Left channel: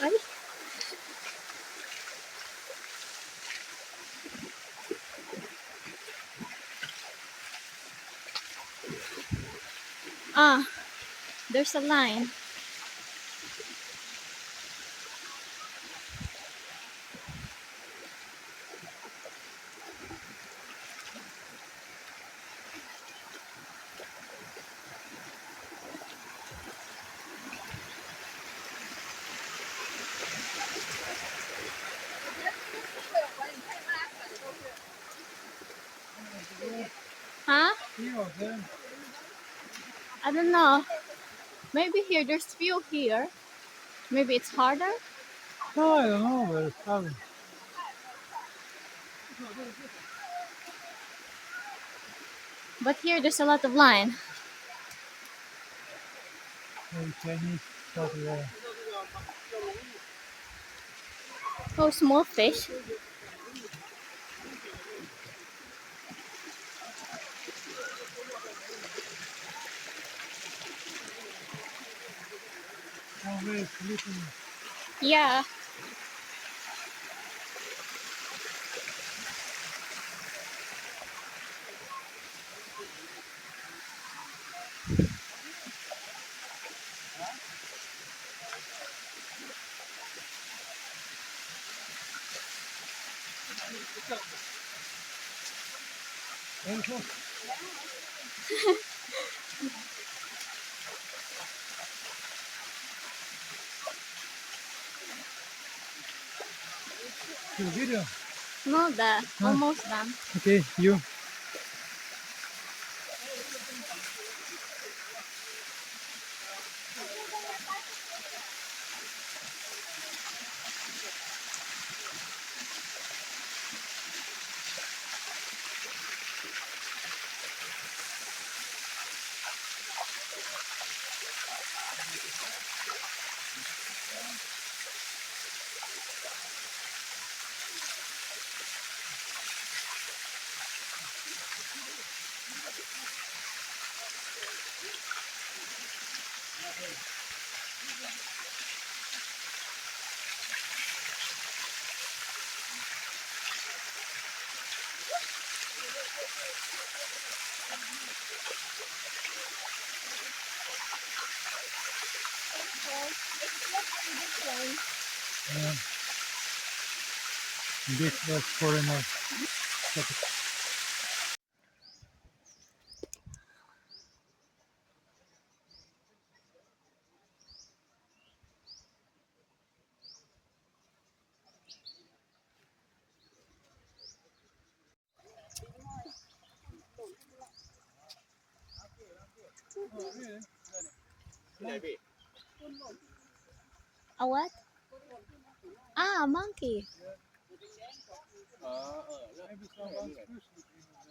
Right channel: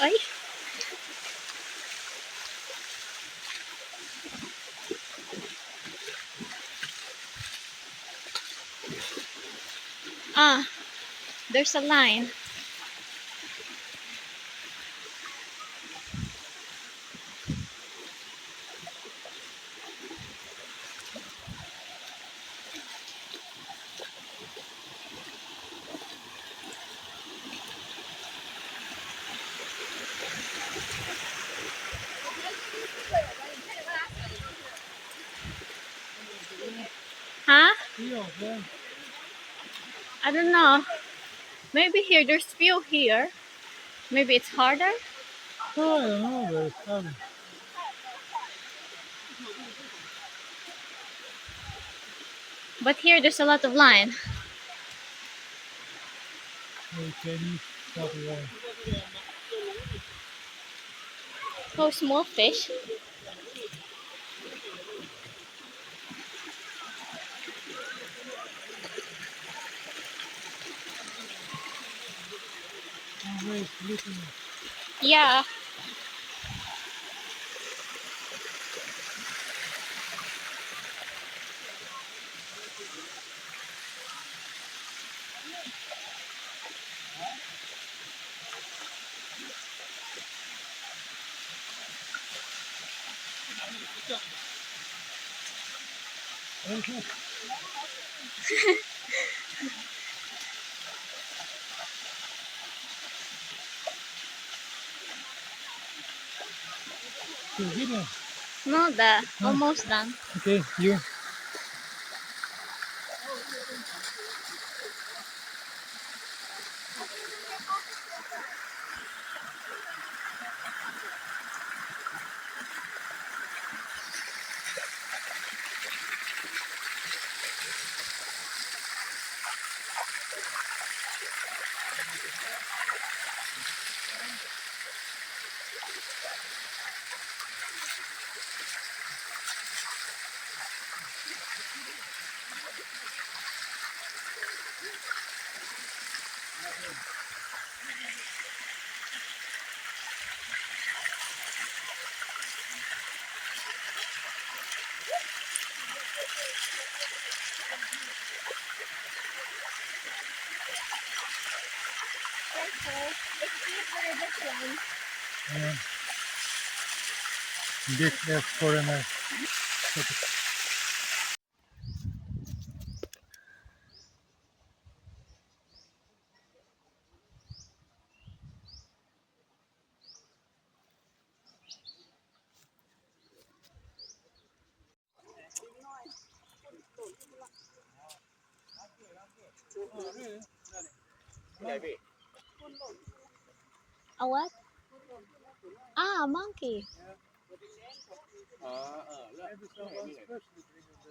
Ay. Ah, there's a line. Huh? I don't know. Maybe here, there's few here. Maybe it's harder. Oh, I don't know, but it's probably. But here, there's a lot of line. Maybe Chinese stuff there. Oh, small fish. Oh, wait, little. Yeah. Very close. To the video. No, No. almost done. Okay, you. Yeah. Big F foreigner. Oh, really? ที่ไหนพี่ A what? Ah, monkey. Yeah. อ๋อเออแล้ว Maybe ที่ไหน someone ที่ไหน specially bring them there.